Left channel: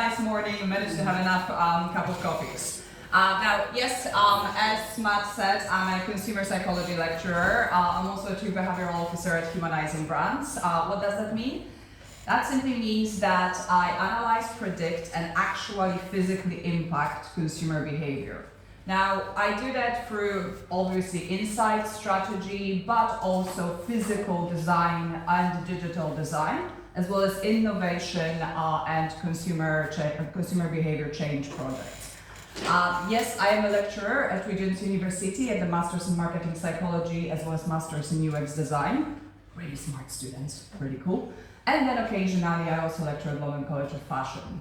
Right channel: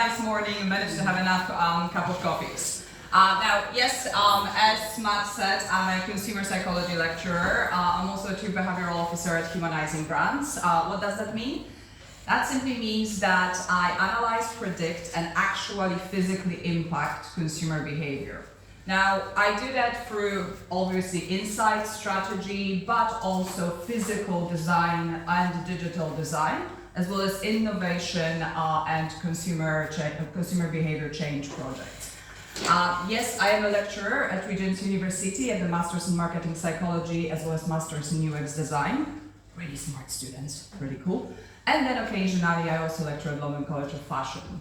nice morning, we managed to have enough cup of coffees. Now, yes, as Matt said, I'm a consumer psychology lecturer. I'm also a chief behavioral officer at Humanizing Brands. What does that mean? That simply means that I analyze, predict, and actually physically impact consumer behavior. Now, I do that through obviously insight strategy, but also physical design and digital design, as well as innovation and consumer behavior change projects. Yes, I am a lecturer at Regent's University at the Masters in Marketing Psychology, as well as Masters in UX Design. Really smart students, pretty cool. And then occasionally I also lecture at London College of Fashion.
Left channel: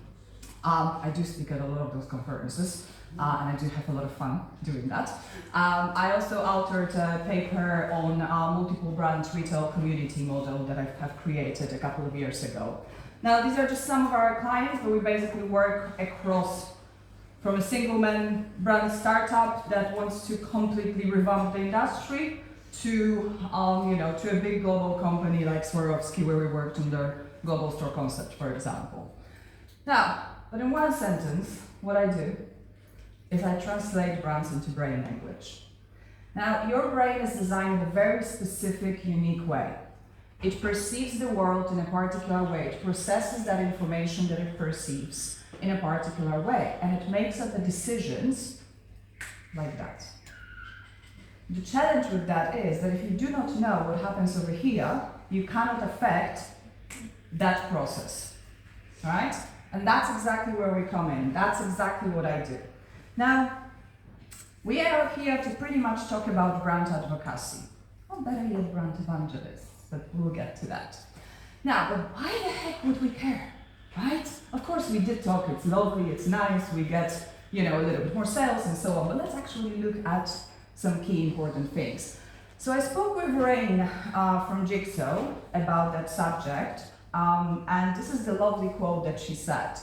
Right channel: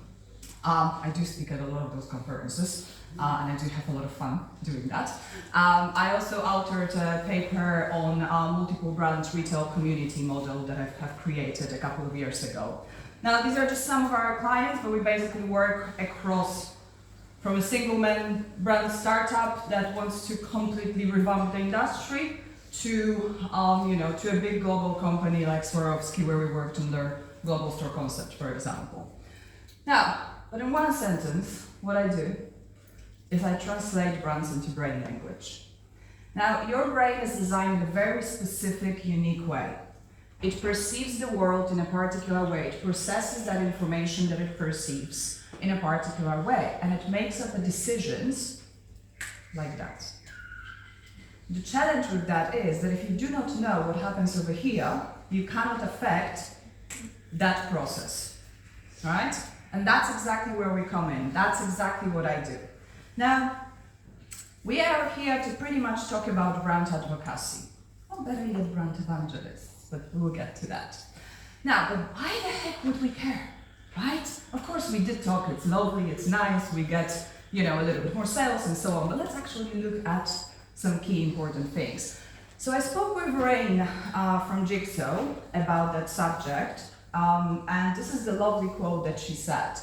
I do speak at a lot of those conferences, and I do have a lot of fun doing that. I also authored a paper on multiple brand retail community model that I have created a couple of years ago. Now, these are just some of our clients, but we basically work across from a single man brand startup that wants to completely revamp the industry to to a big global company like Swarovski, where we worked on their global store concept, for example. Now, but in one sentence, what I do is I translate brands into brain language. Now, your brain is designed in a very specific, unique way. It perceives the world in a particular way. It processes that information that it perceives in a particular way, and it makes up the decisions like that. The challenge with that is that if you do not know what happens over here, you cannot affect that process, right? And that's exactly where we come in. That's exactly what I do. Now, we are here to pretty much talk about brand advocacy. Not better yet brand evangelists, but we'll get to that. Now, but why the heck would we care, right? Of course we did talk, it's lovely, it's nice, we get, a little bit more sales and so on, but let's actually look at some key important things. So I spoke with Rain from Jigsaw about that subject, and this is the lovely quote that she said.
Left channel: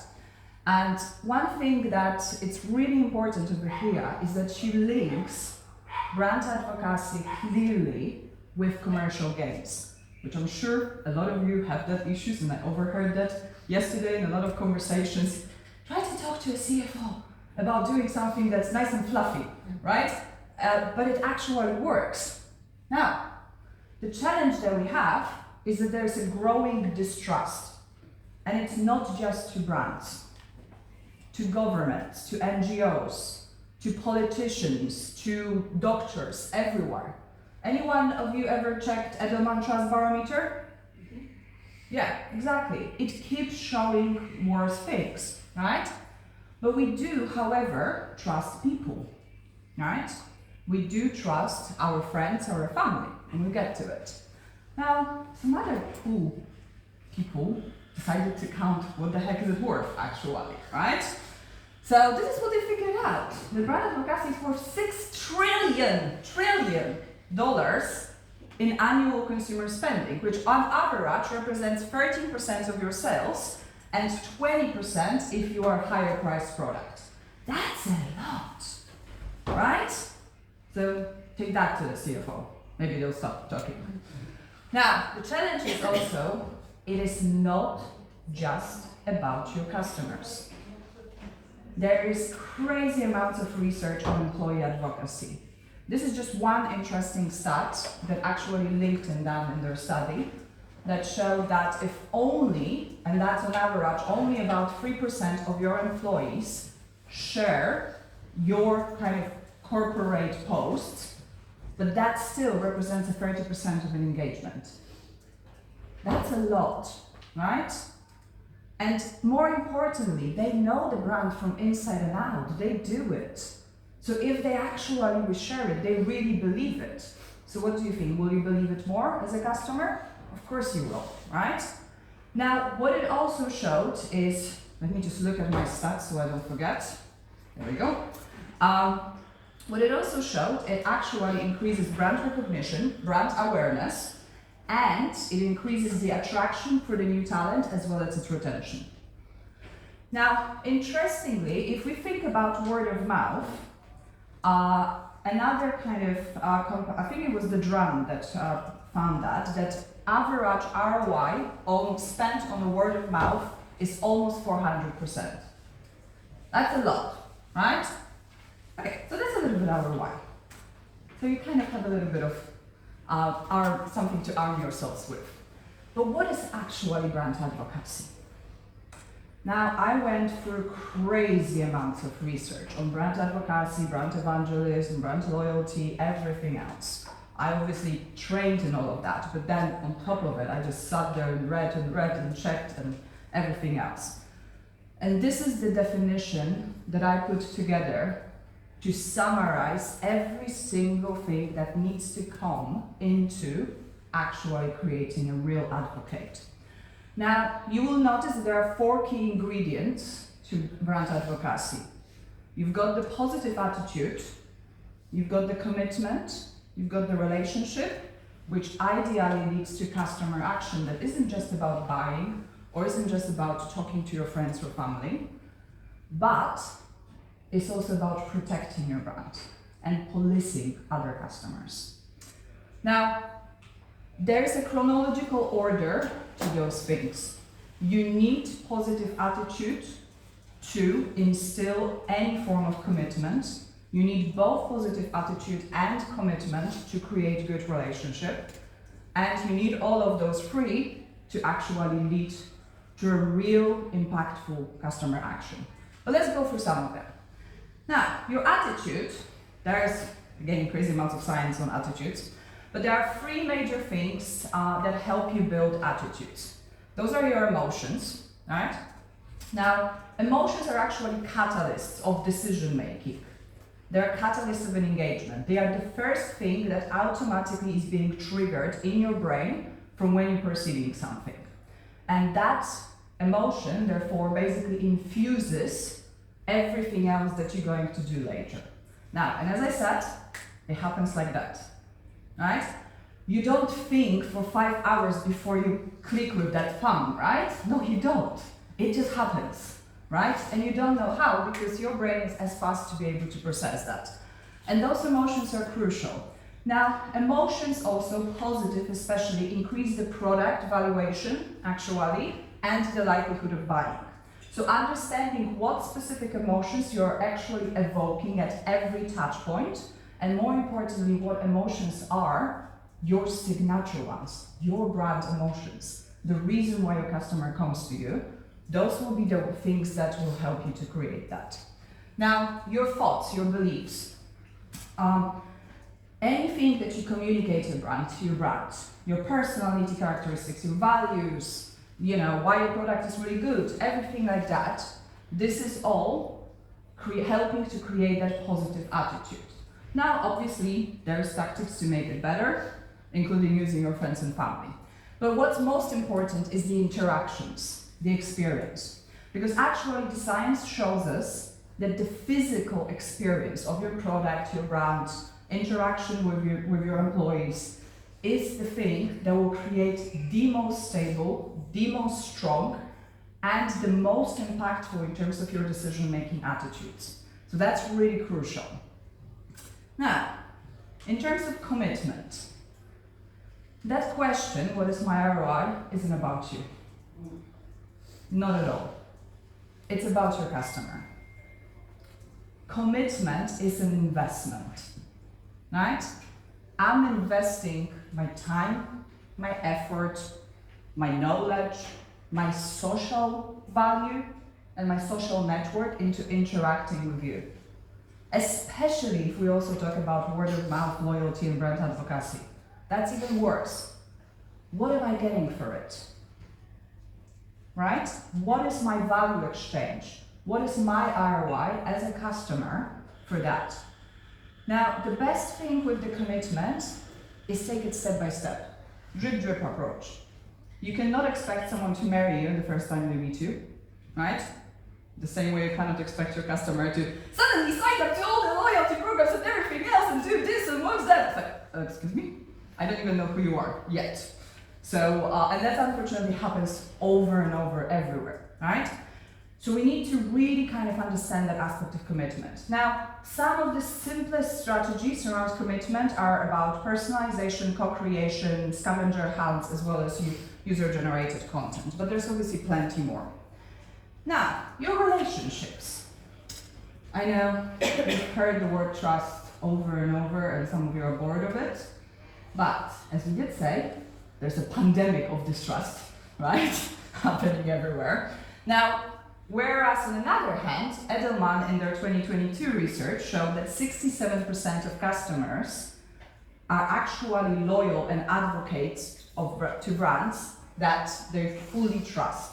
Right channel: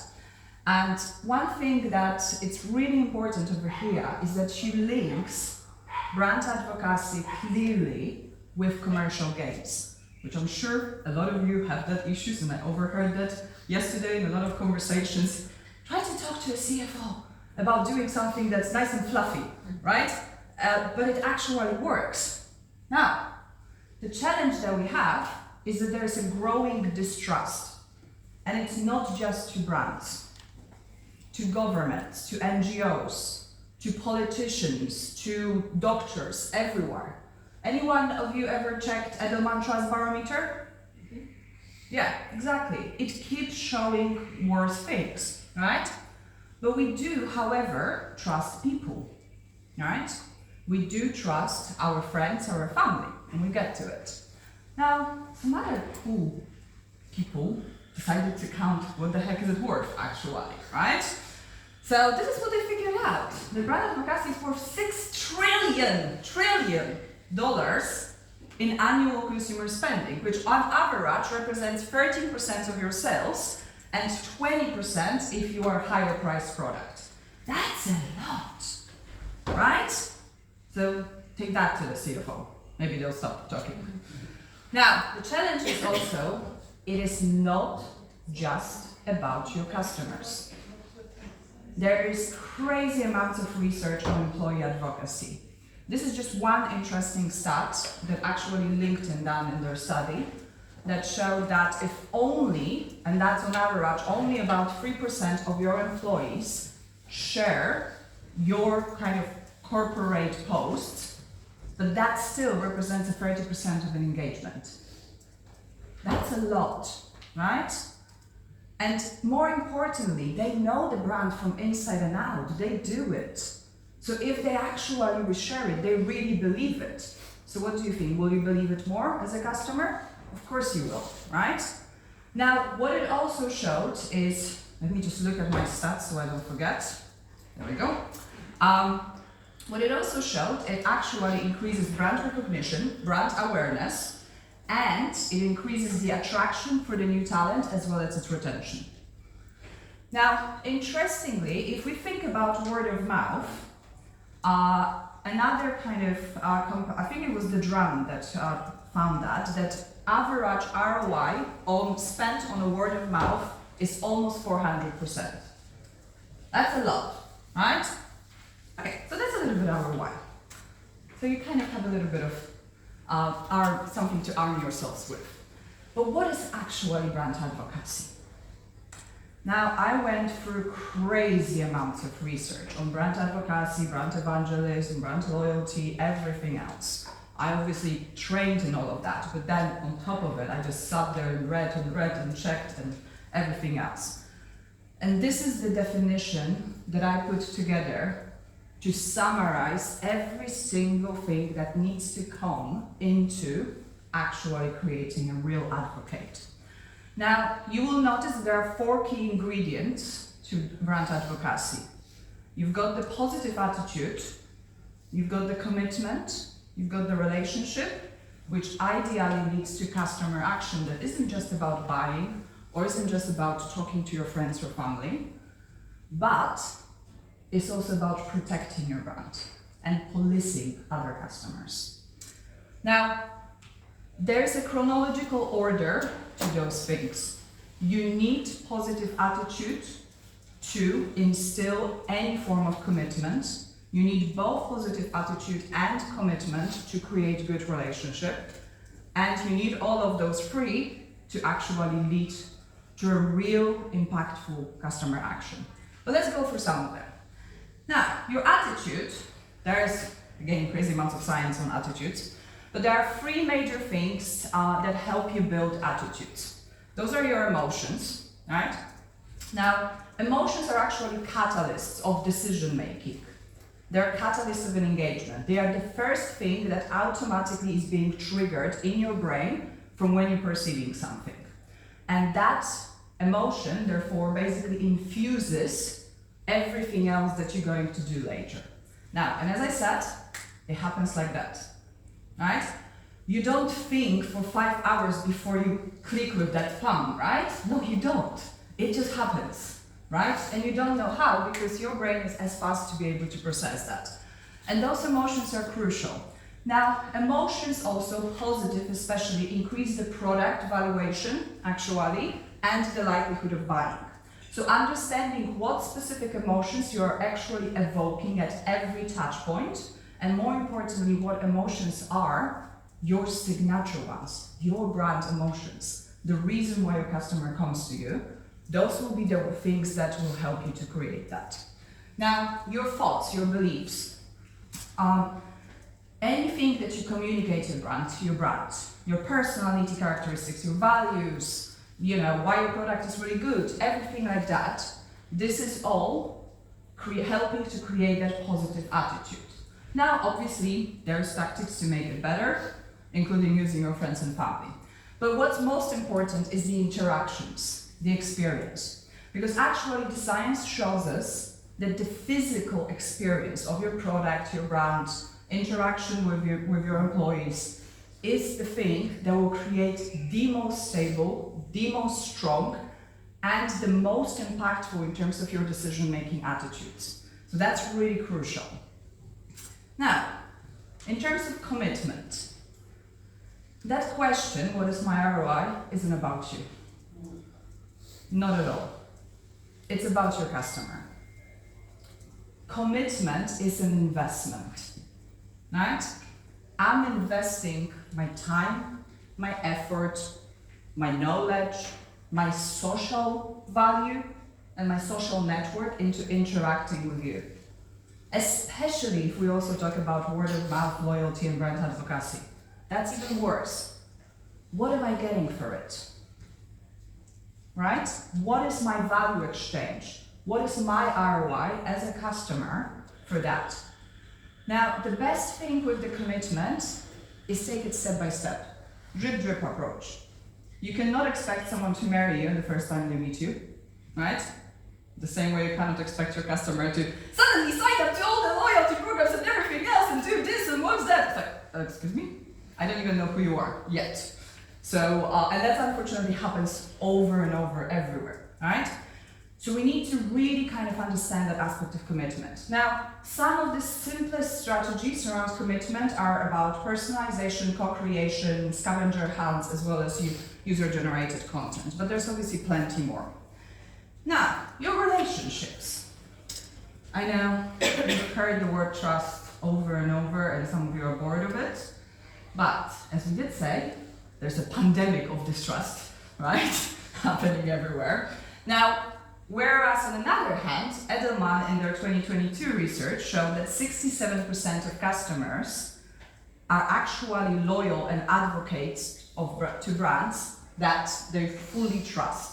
And one thing that it's really important over here is that she links brand advocacy clearly with commercial gains, which I'm sure a lot of you have that issues, and I overheard that yesterday in a lot of conversations. Try to talk to a CFO about doing something that's nice and fluffy, right? But it actually works. Now, the challenge that we have is that there's a growing distrust, and it's not just to brands, to governments, to NGOs, to politicians, to doctors, everywhere. Anyone of you ever checked Edelman Trust Barometer? Yeah, exactly. It keeps showing worse things, right? But we do, however, trust people, right? We do trust our friends, our family, and we get to it. Now, some other cool people decided to count what the heck is it worth, actually, right? So this is what they figured out. The brand advocacy is worth $6 trillion in annual consumer spending, which on average represents 13% of your sales and 20% if you are a higher priced product. That's a lot, right? So take that to the CFO. Maybe they'll stop talking. Now, the challenge is also, it is not just about your customers. There is crazy amounts of research on employee advocacy. This is just one interesting stat that actually LinkedIn done in their study that showed that if only, and that's on average, only about 3% of your employees share your kind of corporate posts, but that still represents a 30% of an engagement. That's a lot, right? And more importantly, they know the brand from inside and out. They do it. So if they actually share it, they really believe it. So what do you think? Will you believe it more as a customer? Of course you will, right? Now, what it also showed is, let me just look at my stats so I don't forget. There we go. What it also showed, it actually increases brand recognition, brand awareness, and it increases the attraction for the new talent as well as its retention. Now, interestingly, if we think about word of mouth, another kind of, I think it was the Drum that found that average ROI spent on a word of mouth is almost 400%. That's a lot, right? Okay, so that's a little bit our why. So you kind of have a little bit of something to arm yourselves with. But what is actually brand advocacy? Now, I went through crazy amounts of research on brand advocacy, brand evangelism, brand loyalty, everything else. I obviously trained in all of that, but then on top of it, I just sat there and read and checked and everything else. And this is the definition that I put together to summarize every single thing that needs to come into actually creating a real advocate. Now, you will notice that there are 4 key ingredients to brand advocacy. You've got the positive attitude, you've got the commitment, you've got the relationship, which ideally leads to customer action that isn't just about buying or isn't just about talking to your friends or family, but it's also about protecting your brand and policing other customers. Now, there's a chronological order to those things. You need positive attitude to instill any form of commitment. You need both positive attitude and commitment to create good relationship. And you need all of those 3 to actually lead to a real impactful customer action. But let's go through some of them. Now, your attitude, there's again crazy amounts of science on attitudes, but there are 3 major things that help you build attitudes. Those are your emotions, right? Now, emotions are actually catalysts of decision making. They're catalysts of an engagement. They are the first thing that automatically is being triggered in your brain from when you're perceiving something. And that emotion, therefore, basically infuses everything else that you're going to do later. Now, and as I said, it happens like that, right? You don't think for 5 hours before you click with that thumb, right? No, you don't. It just happens, right? And you don't know how because your brain is as fast to be able to process that. And those emotions are crucial. Now, emotions also, positive especially, increase the product valuation, actually, and the likelihood of buying. So understanding what specific emotions you're actually evoking at every touch point, and more importantly, what emotions are your signature ones, your brand emotions, the reason why your customer comes to you, those will be the things that will help you to create that. Now, your thoughts, your beliefs, anything that you communicate to your brand, your personality characteristics, your values, you know, why your product is really good, everything like that, this is all helping to create that positive attitude. Now, obviously, there's tactics to make it better, including using your friends and family. But what's most important is the interactions, the experience. Because actually, the science shows us that the physical experience of your product, your brand, interaction with your employees is the thing that will create the most stable, the most strong, and the most impactful in terms of your decision-making attitudes. So that's really crucial. Now, in terms of commitment, that question, what is my ROI, isn't about you. Not at all. It's about your customer. Commitment is an investment, right? I'm investing my time, my effort, my knowledge, my social value, and my social network into interacting with you. Especially if we also talk about word of mouth, loyalty, and brand advocacy. That's even worse. What am I getting for it? Right? What is my value exchange? What is my ROI as a customer for that? Now, the best thing with the commitment is take it step by step. Drip, drip approach. You cannot expect someone to marry you the first time they meet you, right? The same way you cannot expect your customer to suddenly sign up to all the loyalty programs and everything else and do this and what's that? It's like, excuse me? I don't even know who you are yet. So, and that unfortunately happens over and over everywhere, right? So we need to really kind of understand that aspect of commitment. Now, some of the simplest strategies around commitment are about personalization, co-creation, scavenger hunts, as well as user-generated content. But there's obviously plenty more. Now, your relationships. I know you've heard the word trust over and over, and some of you are bored of it. But as we did say, there's a pandemic of distrust, right? Happening everywhere. Now, whereas on the other hand, Edelman in their 2022 research showed that 67% of customers are actually loyal and advocates to brands that they fully trust.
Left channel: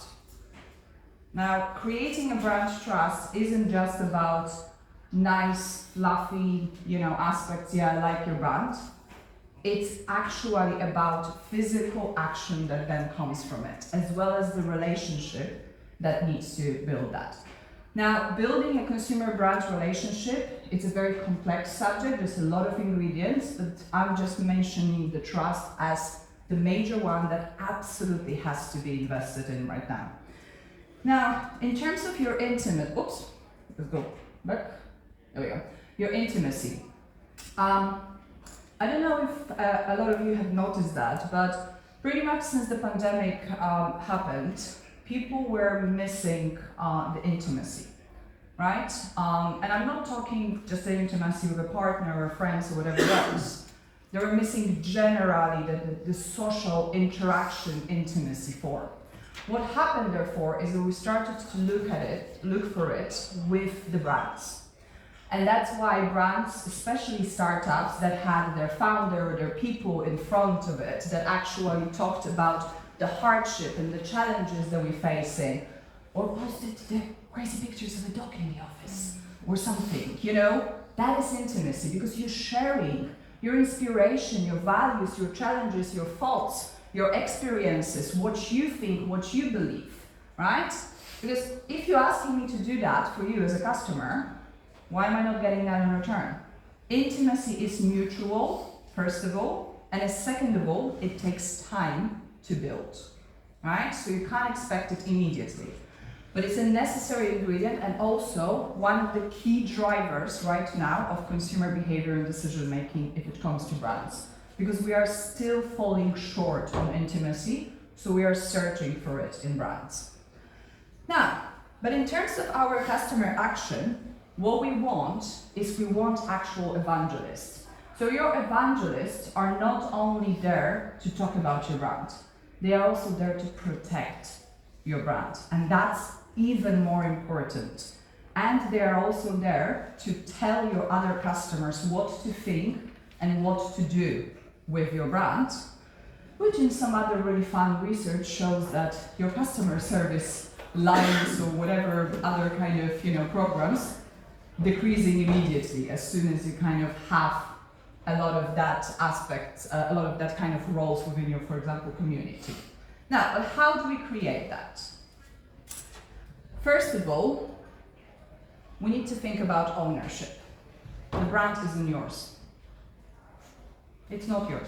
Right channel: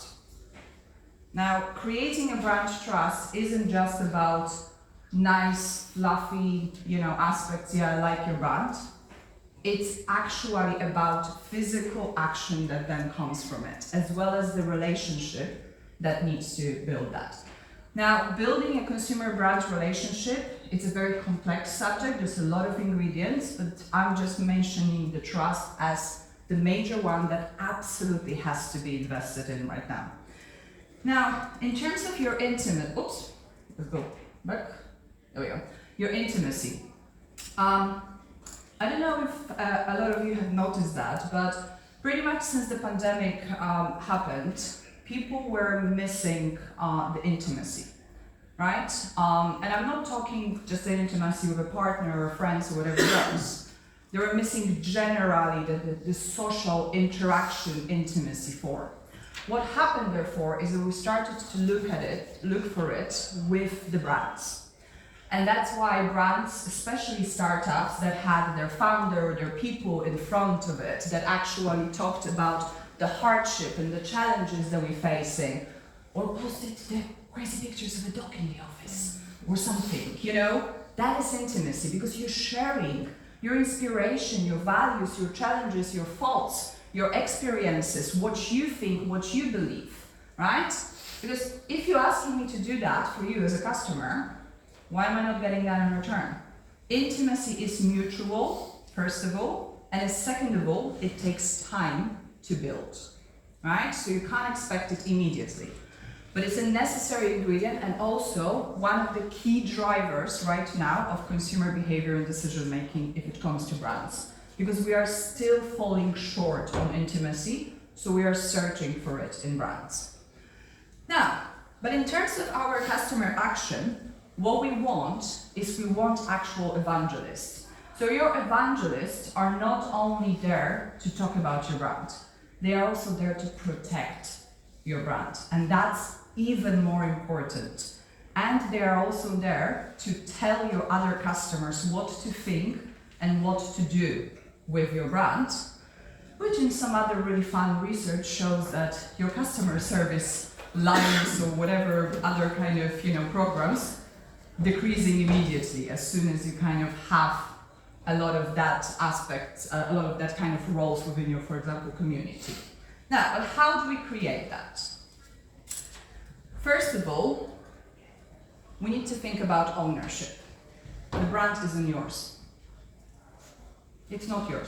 Now, creating a brand trust isn't just about nice, fluffy, aspects, yeah, I like your brand. It's actually about physical action that then comes from it, as well as the relationship that needs to build that. Now, building a consumer brand relationship, it's a very complex subject, there's a lot of ingredients, but I'm just mentioning the trust as the major one that absolutely has to be invested in right now. Now, in terms of your let's go back, there we go, your intimacy. I don't know if a lot of you have noticed that, but pretty much since the pandemic happened, people were missing the intimacy, right? And I'm not talking just the intimacy with a partner or friends or whatever else. They were missing generally the social interaction intimacy form. What happened, therefore, is that we started to look for it with the brands. And that's why brands, especially startups that had their founder, their people in front of it, that actually talked about the hardship and the challenges that we're facing, or posted the crazy pictures of a dog in the office, or something, that is intimacy, because you're sharing your inspiration, your values, your challenges, your faults, your experiences, what you think, what you believe, right? Because if you're asking me to do that for you as a customer, why am I not getting that in return? Intimacy is mutual, first of all, and second of all, it takes time to build, right? So you can't expect it immediately. But it's a necessary ingredient and also one of the key drivers right now of consumer behavior and decision making if it comes to brands. Because we are still falling short on intimacy, so we are searching for it in brands. Now, but in terms of our customer action, what we want actual evangelists. So your evangelists are not only there to talk about your brand, they are also there to protect your brand, and that's even more important. And they are also there to tell your other customers what to think and what to do with your brand, which in some other really fun research shows that your customer service lines or whatever other kind of programs decreasing immediately as soon as you kind of have a lot of that aspects, a lot of that kind of roles within your, for example, community. Now, but how do we create that? First of all, we need to think about ownership. The brand isn't yours. It's not yours.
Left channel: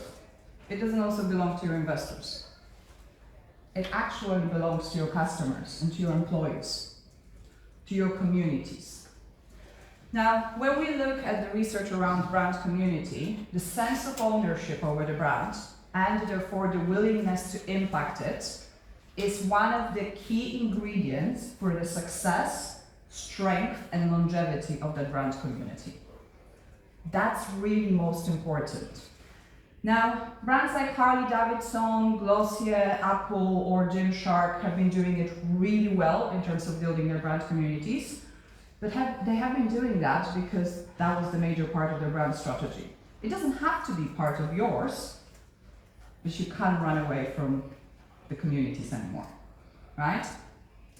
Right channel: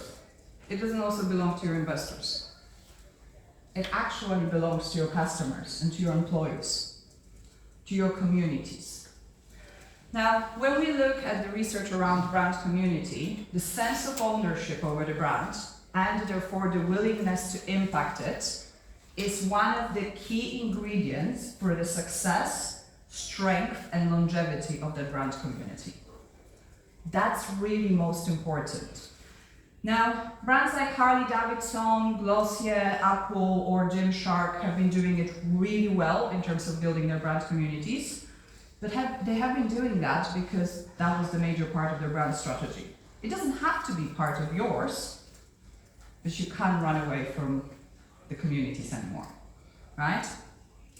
It doesn't also belong to your investors. It actually belongs to your customers and to your employees, to your communities. Now, when we look at the research around brand community, the sense of ownership over the brand, and therefore the willingness to impact it, is one of the key ingredients for the success, strength, and longevity of the brand community. That's really most important. Now, brands like Harley Davidson, Glossier, Apple, or Gymshark have been doing it really well in terms of building their brand communities, but they have been doing that because that was the major part of their brand strategy. It doesn't have to be part of yours, but you can't run away from the communities anymore, right?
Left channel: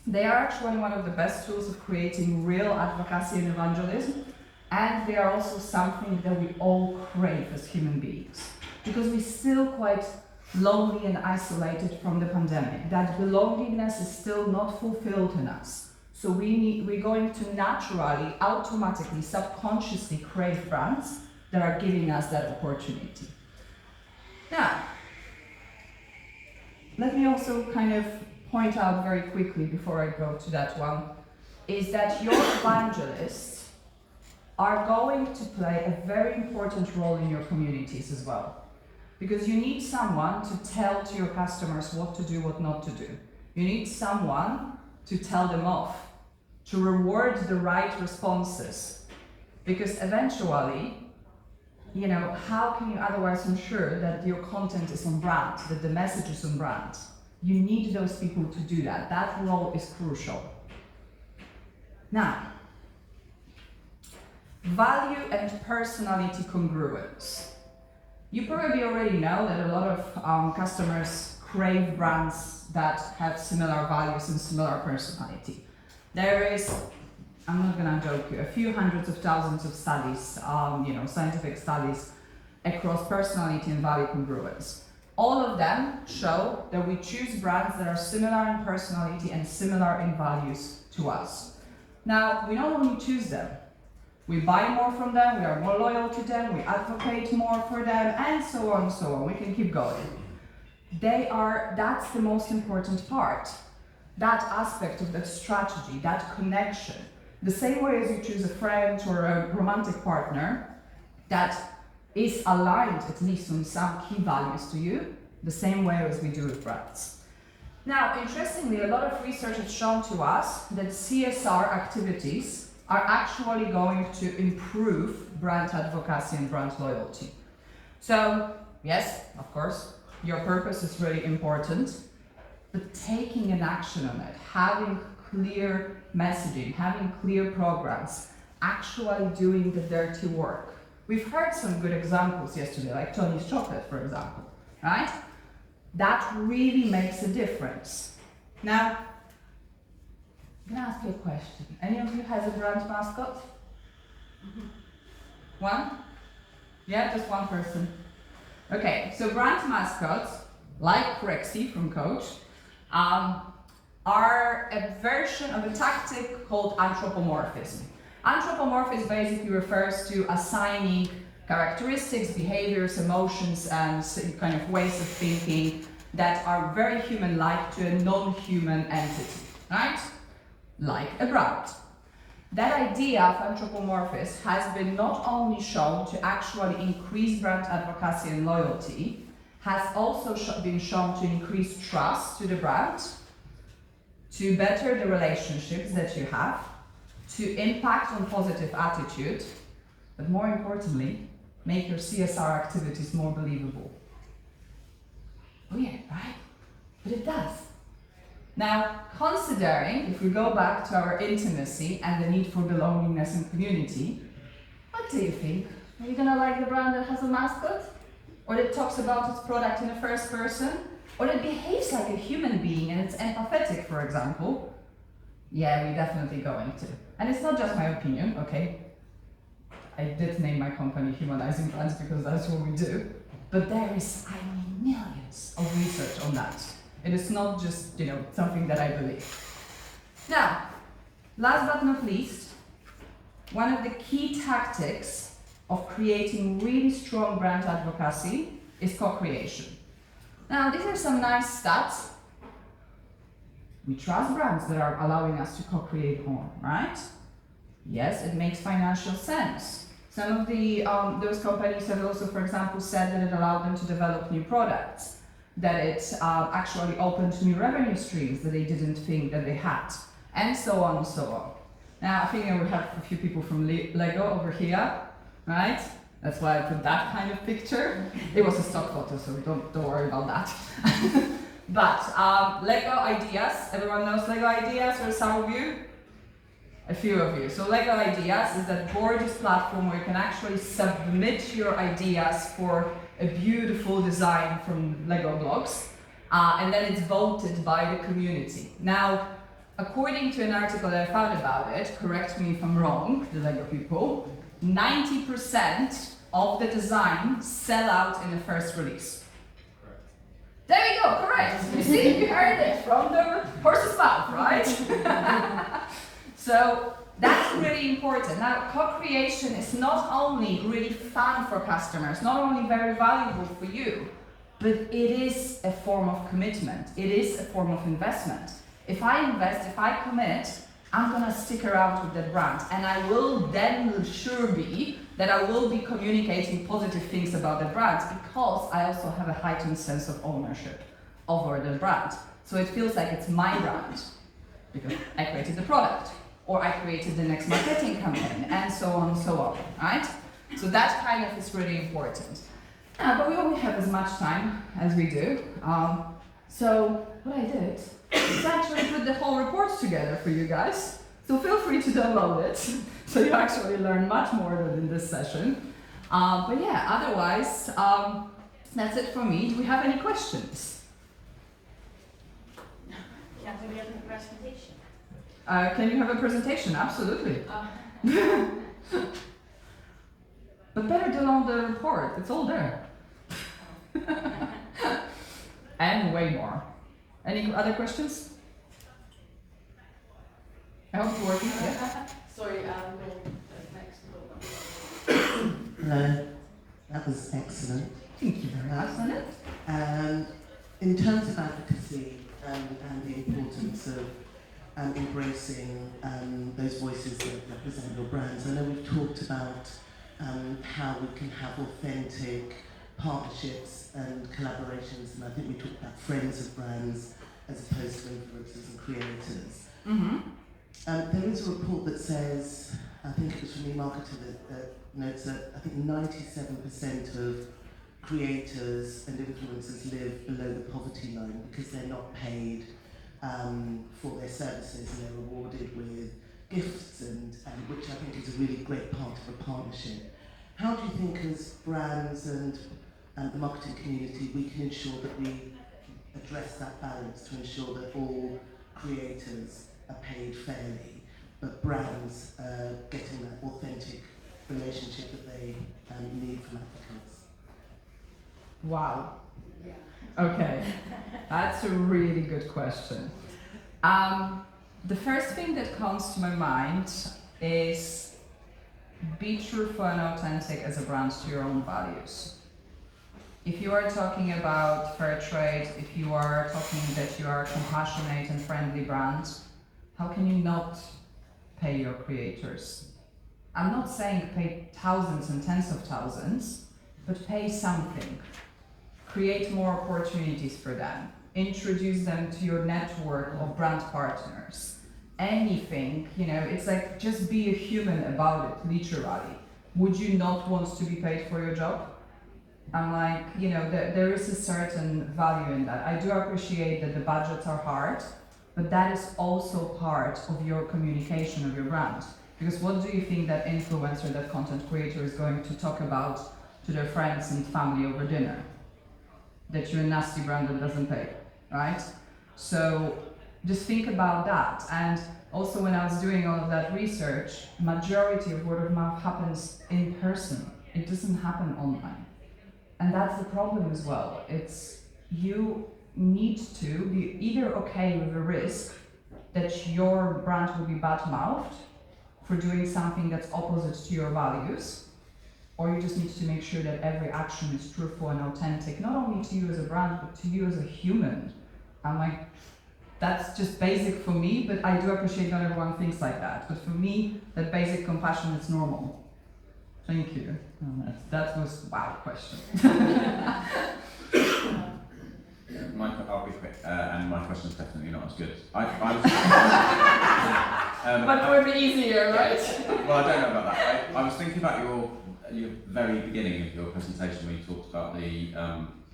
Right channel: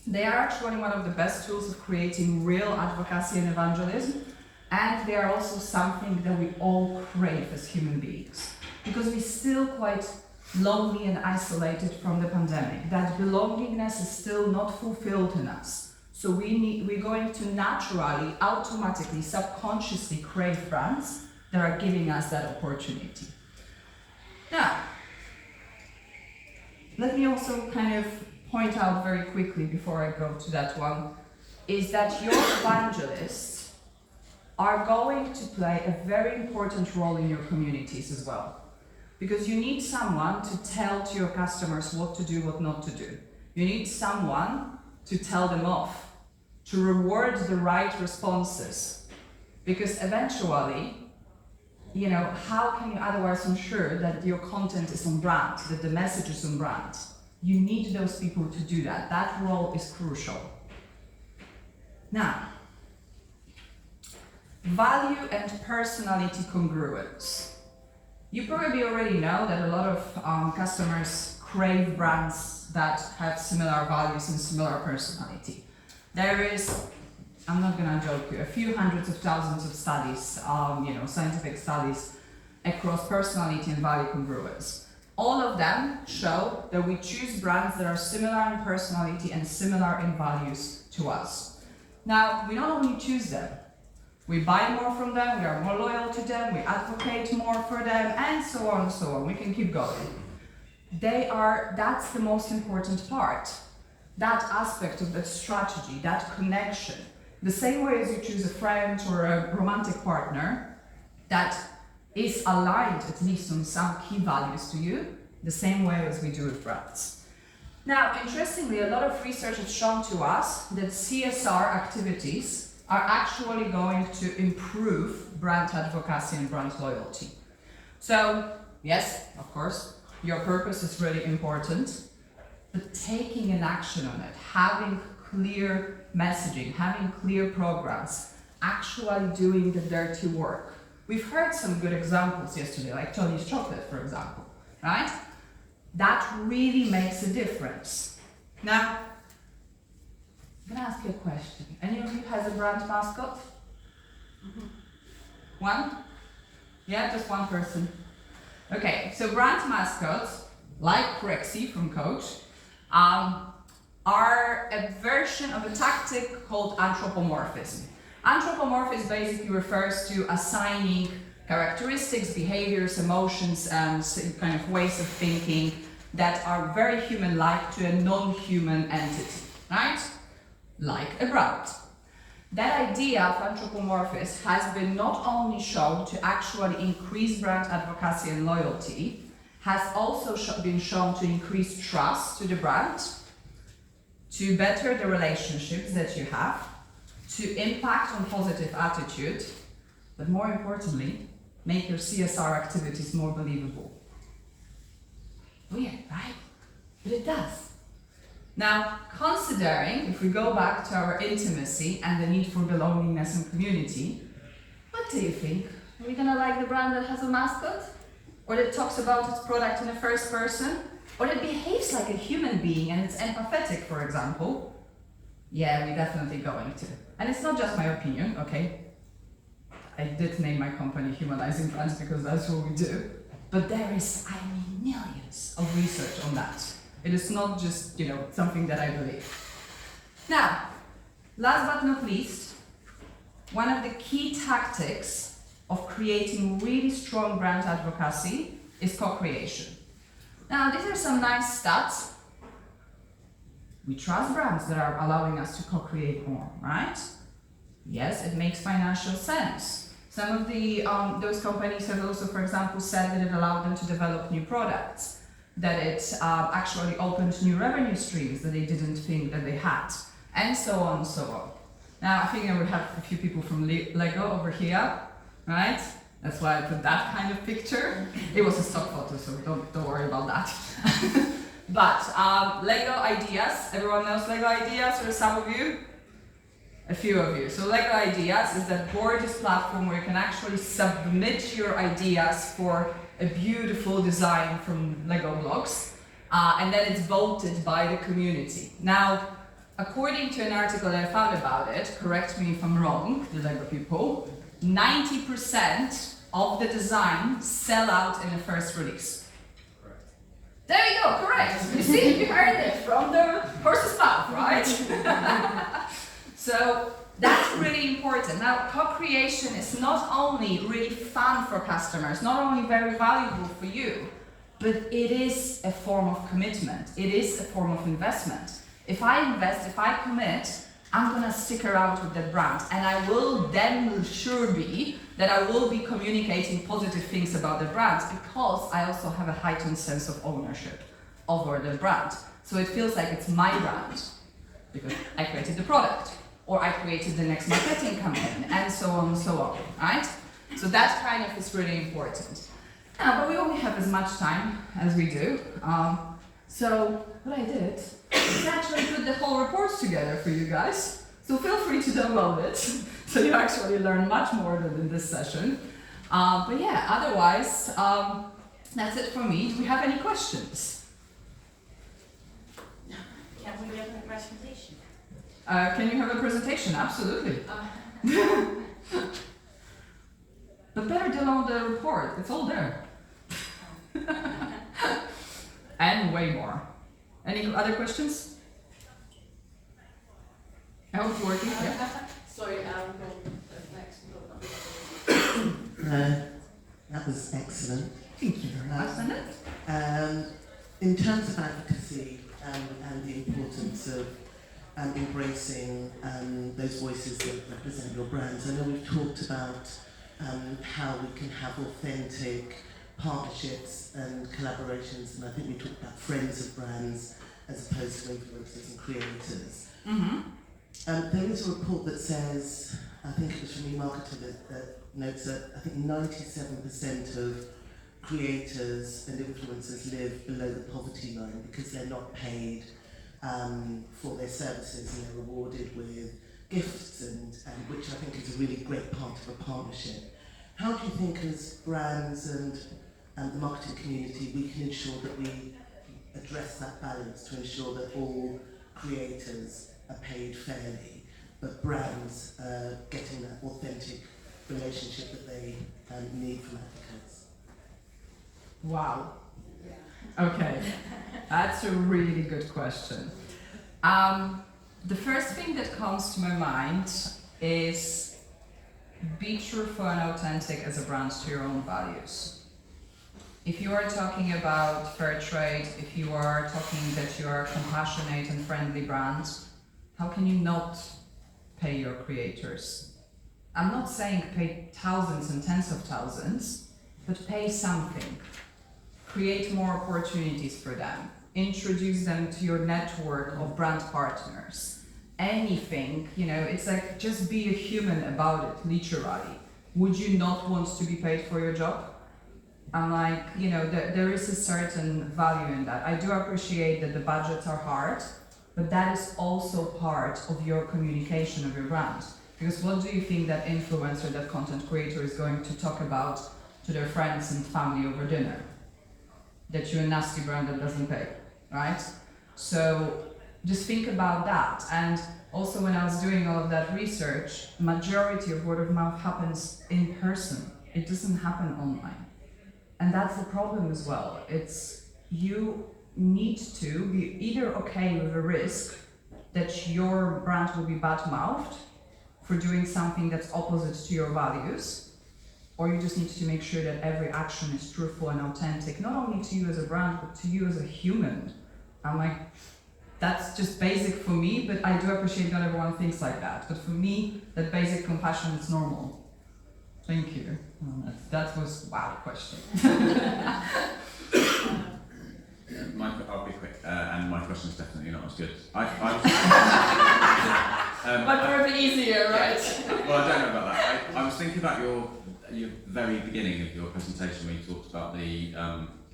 They are actually one of the best tools of creating real advocacy and evangelism, and they are also something that we all crave as human beings. Because we're still quite lonely and isolated from the pandemic. That belongingness is still not fulfilled in us. So we're going to naturally, automatically, subconsciously crave brands that are giving us that opportunity. Now, let me also kind of point out very quickly before I go to that one, is that your evangelists are going to play a very important role in your communities as well. Because you need someone to tell to your customers what to do, what not to do. You need someone to tell them off to reward the right responses. Because eventually, how can you otherwise ensure that your content is on brand, that the message is on brand? You need those people to do that. That role is crucial. Now, value and personality congruence. You probably already know that a lot of customers crave brands that have similar values and similar personality. There is, I'm not gonna joke you, a few hundreds of thousands of studies, scientific studies across personality and value congruence. All of them show that we choose brands that are similar in personality and similar in values to us. Now, we not only choose them, we buy more from them, we are more loyal to them, we advocate more for them, and so on and so on. We can keep going. That's the most important part. That aspect of that strategy, that connection. The same way as you choose a friend or a romantic partner that is aligned at least on some key values to you, the same way as we do with brands. Now, interestingly, a lot of research has shown to us that CSR activities are actually going to improve brand advocacy and brand loyalty. So, yes, of course, your purpose is really important, but taking an action on it, having clear messaging, having clear programs, actually doing the dirty work. We've heard some good examples yesterday, like Tony's Chocolate, for example, right? That really makes a difference. Now, I'm gonna ask you a question. Any of you has a brand mascot? Mm-hmm. One? Yeah, just one person. Okay, so brand mascots, like Crexy from Coach, are a version of a tactic called anthropomorphism. Anthropomorphism basically refers to assigning characteristics, behaviors, emotions, and kind of ways of thinking that are very human-like to a non-human entity, right? Like a brand. That idea of anthropomorphism has been not only shown to actually increase brand advocacy and loyalty, has also been shown to increase trust to the brand, to better the relationships that you have, to impact on positive attitude, but more importantly, make your CSR activities more believable. Weird, right? But it does. Now, considering, if we go back to our intimacy and the need for belongingness and community, what do you think? Are you gonna like the brand that has a mascot? Or that talks about its product in the first person? Or that behaves like a human being and it's empathetic, for example? Yeah, we're definitely going to. And it's not just my opinion, okay? I did name my company Humanizing Brands because that's what we do. But there is, millions of research on that. It is not just, something that I believe. Now, last but not least, one of the key tactics of creating really strong brand advocacy is co-creation. Now, these are some nice stats. We trust brands that are allowing us to co-create more, right? Yes, it makes financial sense. Some of those companies have also, for example, said that it allowed them to develop new products, that it actually opened new revenue streams that they didn't think that they had, and so on and so on. Now, I think I would have a few people from Lego over here, right? That's why I put that kind of picture. It was a stock photo, so don't worry about that. But Lego Ideas, everyone knows Lego Ideas, or some of you? A few of you. So Lego Ideas is that gorgeous platform where you can actually submit your ideas for a beautiful design from Lego blocks, and then it's voted by the community. Now, according to an article that I found about it, correct me if I'm wrong, the Lego people, 90% of the designs sell out in the first release. Correct. There you go, correct. You see, you heard it from the horse's mouth, right? So that's really important. Now, co-creation is not only really fun for customers, not only very valuable for you, but it is a form of commitment. It is a form of investment. If I invest, if I commit, I'm gonna stick around with that brand, and I will then sure be that I will be communicating positive things about the brand because I also have a heightened sense of ownership over the brand. So it feels like it's my brand because I created the product. or I created the next marketing campaign, and so on and so on, right? So that kind of is really important. But we only have as much time as we do. So what I did is actually put the whole report together for you guys. So feel free to download it, so you actually learn much more than in this session. But yeah, otherwise, that's it for me. Do we have any questions? Can we have a presentation? Can you have a presentation? Absolutely. But better download the report. It's all there. And way more. Any other questions? I hope it's working. Yeah. Sorry, the next Hello, that was excellent. Thank you very much. In terms of advocacy and the importance of embracing those voices that represent your brands, I know we've talked about how we can have authentic partnerships and collaborations, and I think we talked about friends of brands as opposed to influencers and creators. Mm-hmm. There is a report that says, I think it was from eMarketer that notes that I think 97% of creators and influencers live below the poverty line because they're not paid for their services, and they're rewarded with gifts, and which I think is a really great part of a partnership. How do you think as brands and the marketing community we can ensure that we address that balance to ensure that all creators are paid fairly, but brands are getting that authentic relationship that they need from advocates? Wow. Okay, that's a really good question. The first thing that comes to my mind is be truthful and authentic as a brand to your own values. If you are talking about fair trade, if you are talking that you are a compassionate and friendly brand, how can you not pay your creators? I'm not saying pay thousands and tens of thousands, but pay something. Create more opportunities for them. Introduce them to your network of brand partners. Anything, it's like just be a human about it, literally. Would you not want to be paid for your job? I'm like, there is a certain value in that. I do appreciate that the budgets are hard, but that is also part of your communication of your brand. Because what do you think that influencer, that content creator is going to talk about to their friends and family over dinner? That you're a nasty brand that doesn't pay, right? So just think about that. And also when I was doing all of that research, majority of word of mouth happens in person. It doesn't happen online. And that's the problem as well. It's you need to be either okay with the risk that your brand will be bad-mouthed for doing something that's opposite to your values, or you just need to make sure that every action is truthful and authentic, not only to you as a brand, but to you as a human. I'm like, that's just basic for me, but I do appreciate not everyone thinks like that. But for me, that basic compassion is normal. Thank you. That was wow question. I'll be quick, and my question's definitely not as good. But probably easier, right? Well, I don't know about that. I was thinking about your very beginning of your presentation when you talked about the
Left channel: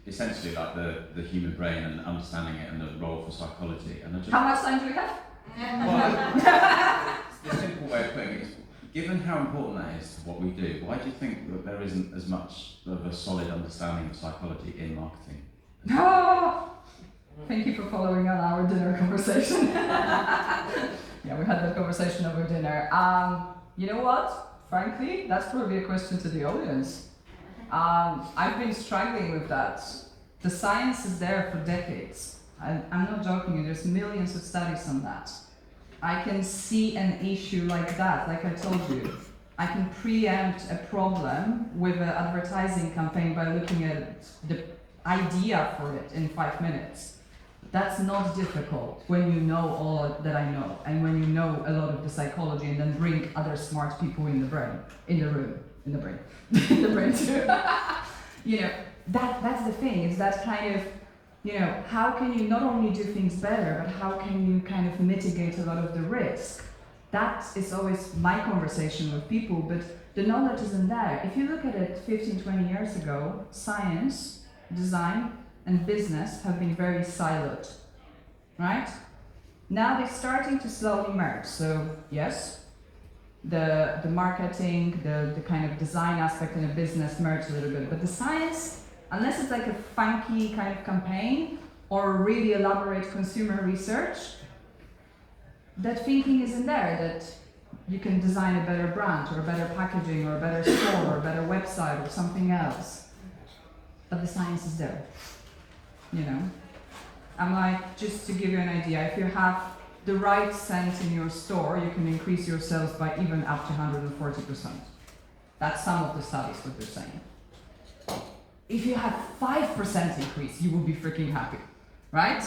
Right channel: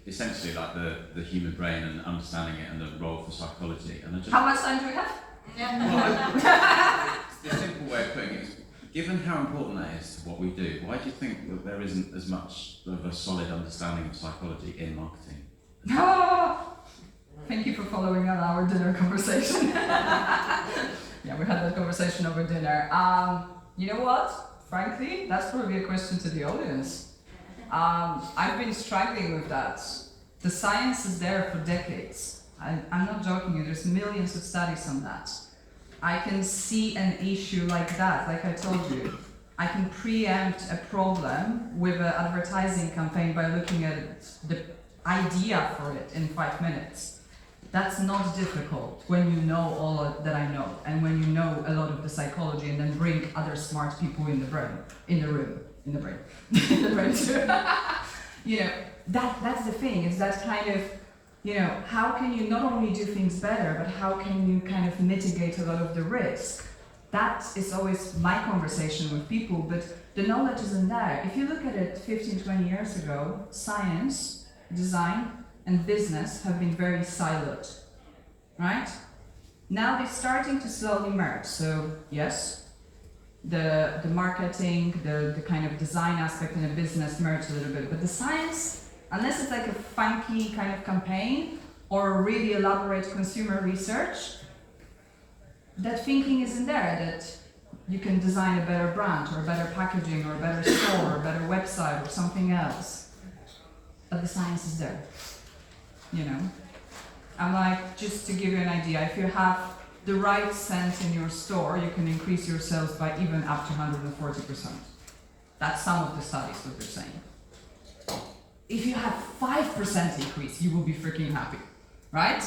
essentially like the human brain and understanding it and the role for psychology. And How much time do we have? Well, the simple way of putting it is, given how important that is to what we do, why do you think that there isn't as much of a solid understanding of psychology in marketing? Thank you for following on our dinner conversation. Yeah, we had that conversation over dinner. You know what? Frankly, that's probably a question to the audience. I've been struggling with that. The science is there for decades. I'm not joking, there's millions of studies on that. I can see an issue like that, like I told you. I can preempt a problem with an advertising campaign by looking at the idea for it in 5 minutes. That's not difficult when you know all that I know, and when you know a lot of the psychology, and then bring other smart people in the brain too. That's the thing. Is that kind of, how can you not only do things better, but how can you kind of mitigate a lot of the risk? that is always my conversation with people, but the knowledge isn't there. If you look at it 15, 20 years ago, science, design, and business have been very siloed, right? Now they're starting to slowly merge. So yes, the marketing, the kind of design aspect in a business merge a little bit, but the science, unless it's like a funky kind of campaign or really elaborate consumer research, that thinking isn't there, that you can design a better brand or better packaging or a better store or a better website or something else. But the science is there, you know? I'm like, just to give you an idea, if you have the right scent in your store, you can increase your sales by even up to 140%. That's some of the studies what they're saying. If you have 5% increase, you will be freaking happy, right?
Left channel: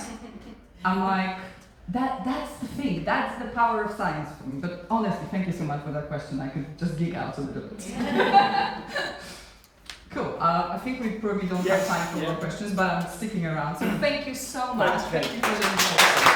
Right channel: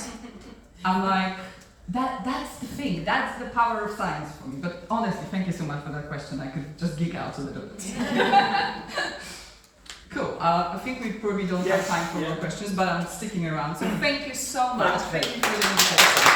I'm like, that's the thing, that's the power of science for me. But honestly, thank you so much for that question. I could just geek out a little bit. Cool. I think we probably don't have time for more questions, but I'm sticking around. So thank you so much. Thank you for the invitation.